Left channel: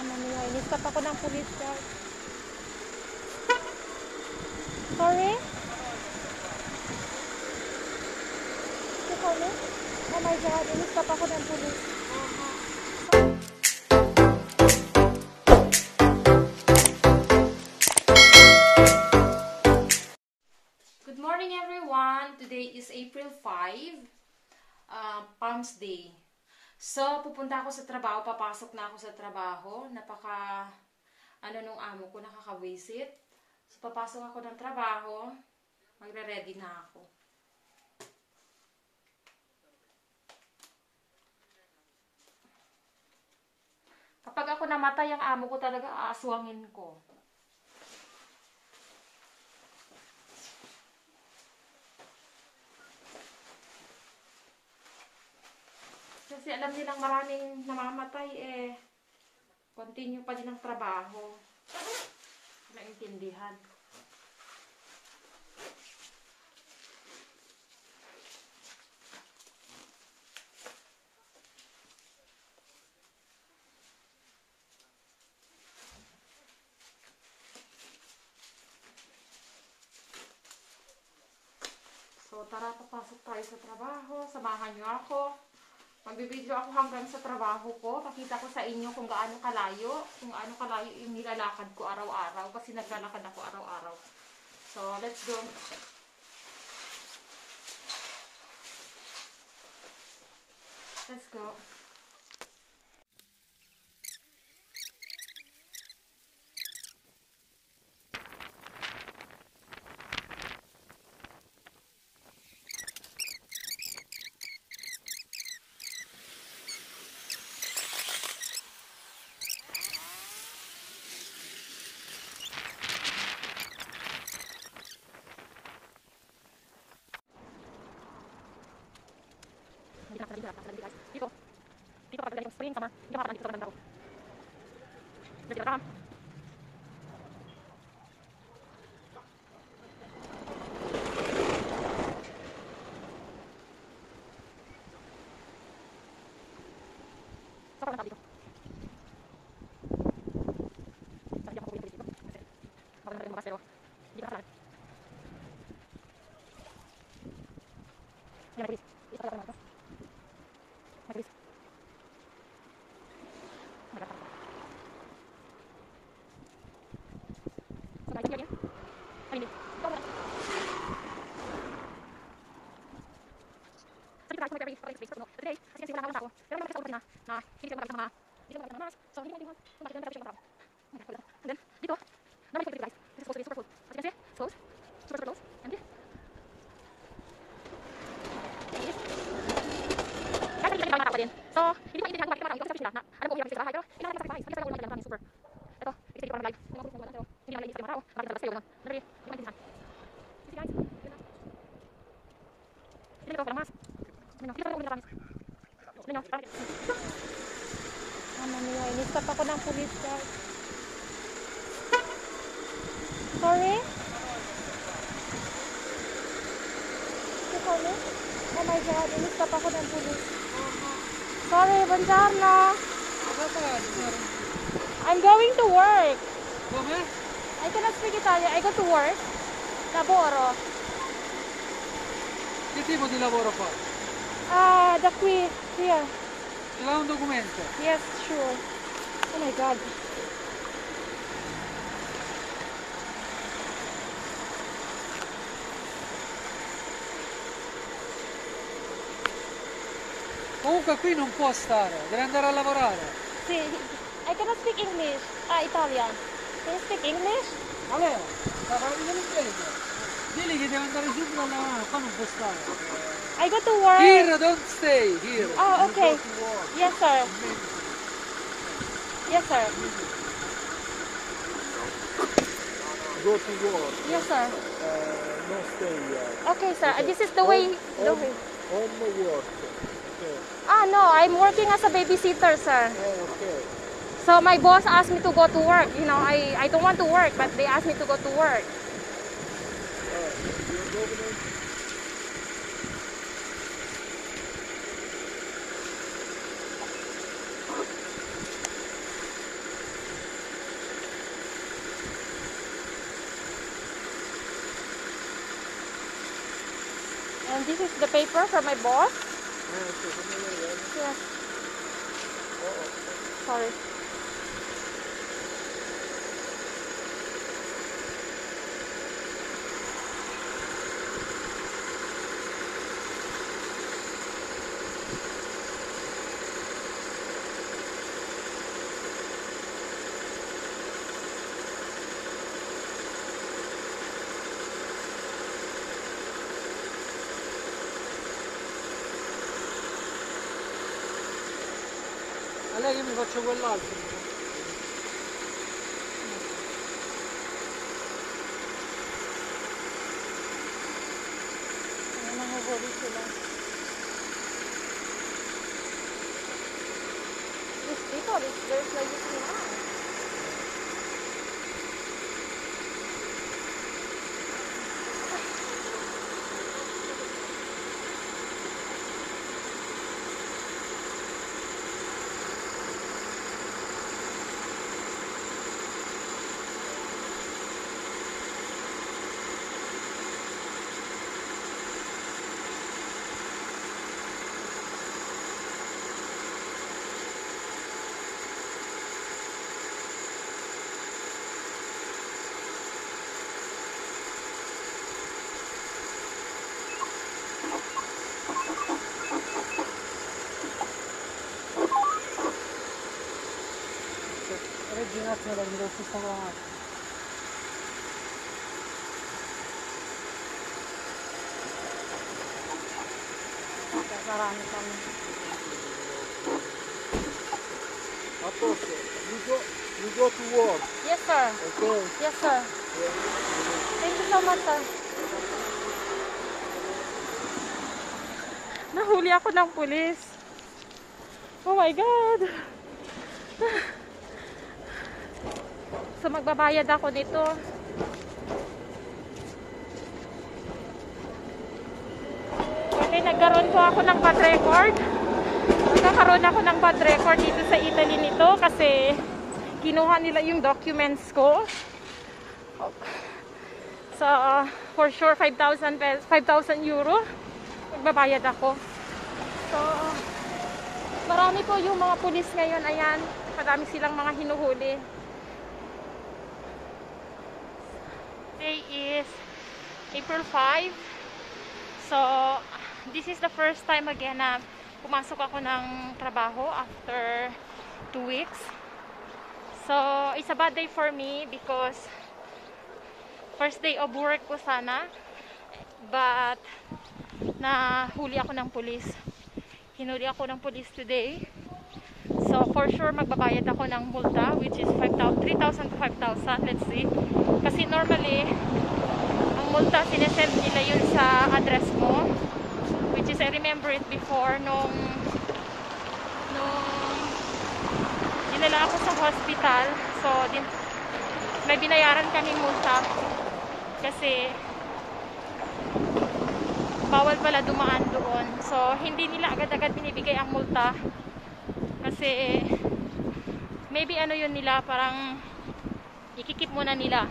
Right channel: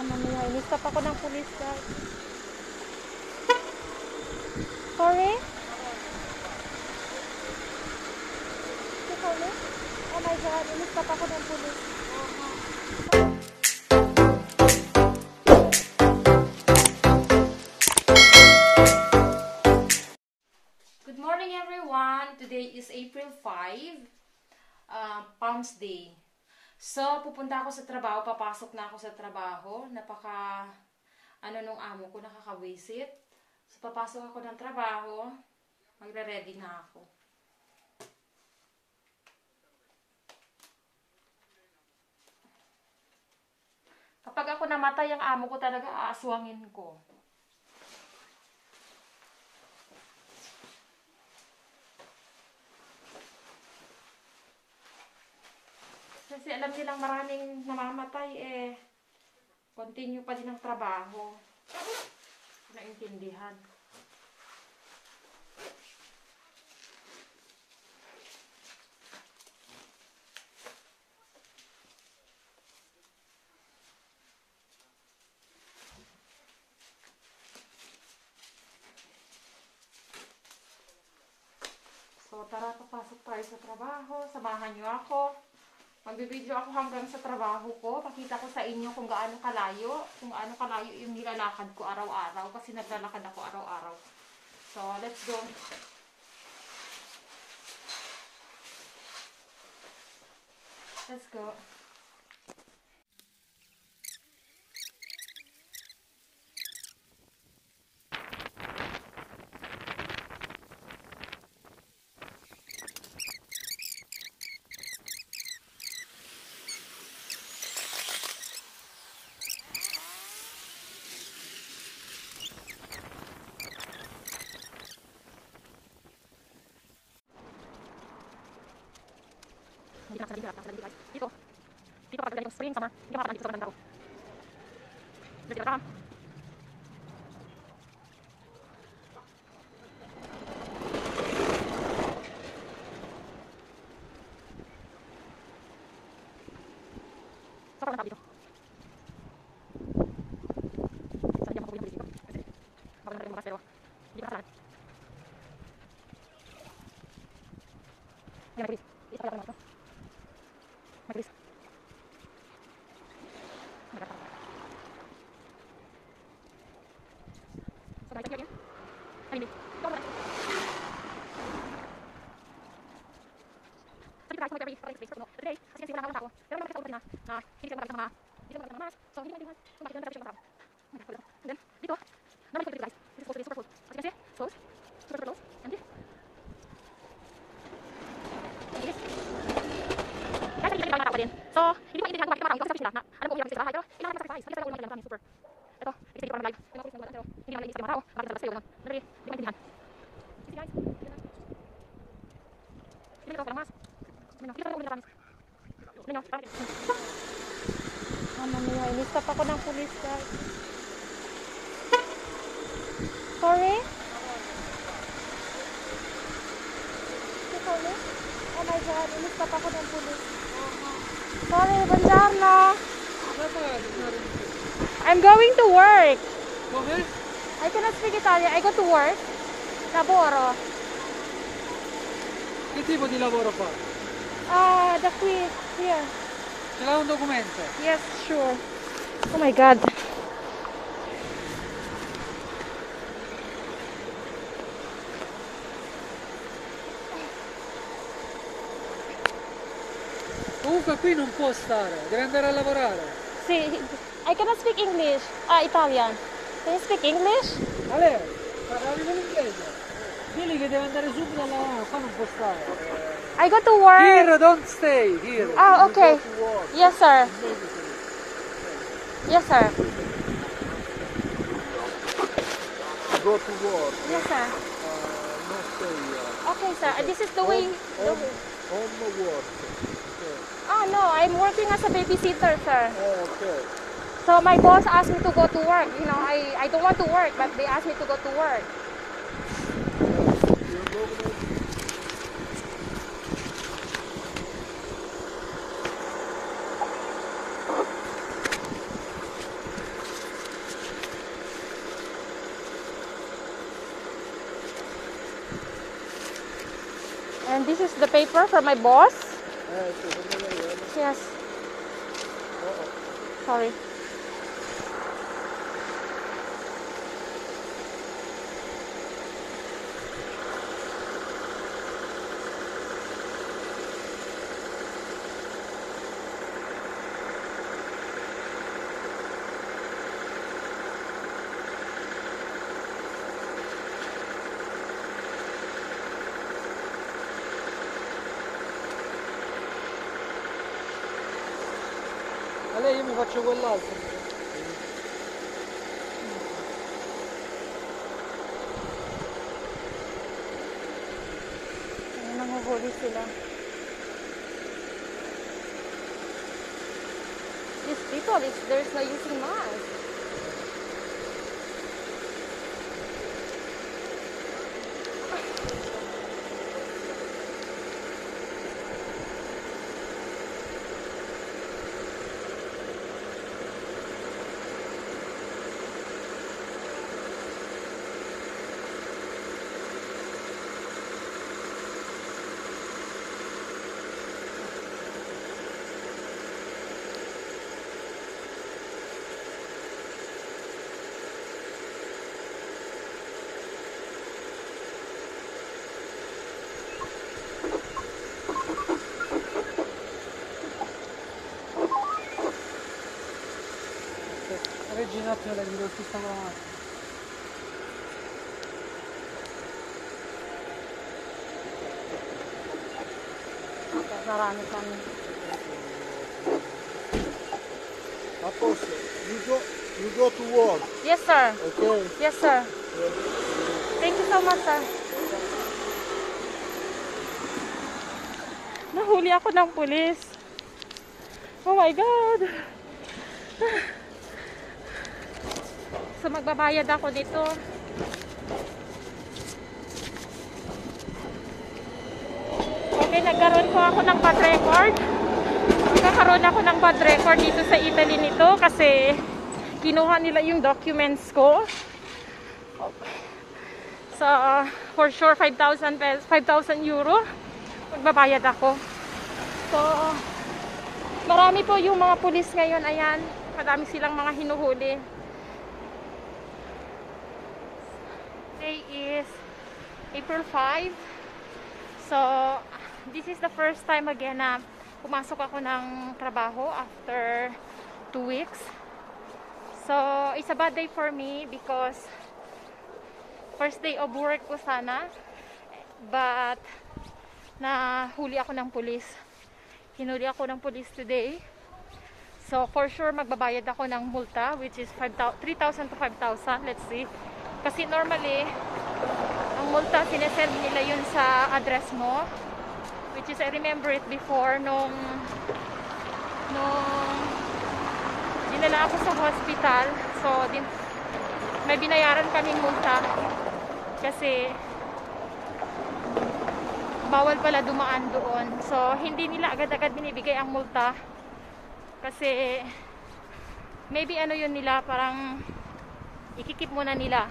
Mamaya, inistop ako ng pulis, guys. Sorry? You call me? Oh my God, inistop ako ng pulis. Good morning, everyone. Today is April 5, Palms Day. So, pupunta ako sa trabaho, papasok na ako sa trabaho. Nung amo ko, nakakawisit. So, papasok ako ng trabaho, magre-ready na ako. Kapag ako namatay, ang amo ko talaga aaswangin ko. Kasi alam nilang maraming namamatay continue pa din ang trabaho. Naintindihan. So tara, papasok tayo sa trabaho. Samahan niyo ako. Magbibideo ako hanggang sa trabaho ko. Pakita ko sa inyo kung gaano kalayo yung nilalakad ko araw-araw. Kasi naglalakad ako araw-araw. So, let's go. Let's go. Dito kapag ganitong spring, summer, hindi makakapag dito sa maganda ko. Dito ka. Saka lang dito. Sabi niya makukulit dito. Baka na rin magas pero hindi ka nakalaan. Yan, nagbilis. Isa pala ako naman ito. Nagbilis. So, guys, yan. Ay, hindi. Ito ako naman. Sabi ko guys, mag-very space. No, today, kasi kasi wala nga ako. Pero naman kasi na hindi ko magkakita mga mas. So, hindi ko kung bakit ganun mga tao. Oh my God, and then, dito, normally ko dito guys. This is supposed to be super cool. As you can see, close. Super close. And this. Guys, hindi ko din. So, hindi ko maintindihan kung bakit mga tao kasi sila na alam ko hirap sila pero kailangan natin sa sacrifice. Hindi talaga ulit lang super. Ito, kasi dito parang live. May mga pulis na pero hindi naman iisip ng mga tao. Bakit talaga sa'yo ganun? Dali, hindi ko maintindihan. See guys, yun na. Hindi ko mas. Hindi ko ulit lang. Hindi ko, parang mamaya, inistop ako ng pulis guys. Sorry? You call me? Oh my God, inistop ako ng pulis. Sorry, buongiorno. I'm going to work. Come? I cannot speak Italian. I go to work. Lavoro. Che tipo di lavoro fa? Da qui. Here. Ce l'hai un documento? Yes, sure. Oh my God. Comunque qui non può stare, deve andare a lavorare. See, I cannot speak English. Italian. Can you speak English? Ale, parli l'inglese. Digli che deve andare subito a lavorare, qua non può stare. I go to work. Here, don't stay, here. Oh, okay. Yes, sir. Yes, sir. Go to work, Yes, sir. not stay here. Okay, sir. This is the way. Home work. Okay. No, I'm working as a babysitter, sir. Okay. So my boss asked me to go to work. You know, I don't want to work, but they asked me to go to work. Your government And this is the paper for my boss. Ecco, come lei è. Yes. Sorry. A lei io mi faccio quell'altro. Nanguhuli sila. These people, there's no using knives. Leggi un attimo la vedo tutta la... Marami kami. A posto, you go to work, Yes, sir. okay? Yes, sir. Thank you so much, sir. Nahuli ako ng pulis. Oh my God. So, magbabayad ako nito. Okay, nagkaroon po ako ng bad record. Magkakaroon ako ng bad record dito sa Italy nito kasi kinuha nila yung documents ko. So, for sure, 5,000 euro. Magbabayad ako. So, marami po yung mga pulis ngayon. Ayan, madami silang mga hinuhuli. Today is April 5. So, this is the first time again na pumasok ako ng trabaho after 2 weeks. So, it's a bad day for me because first day of work ko sana. But, nahuli ako ng pulis. Hinuli ako ng pulis today. So, for sure, magbabayad ako ng multa, which is 3,000 to 5,000. Let's see. Kasi normally, ang multa, sinesend nila yun sa address mo. Which is, I remember it before, nung dinala ako sa hospital. So, may binayaran kaming multa. Kasi, bawal pala dumaan doon. So, hindi nila agad-agad binibigay ang multa. Kasi, maybe ano yun nila, parang ikikip muna nila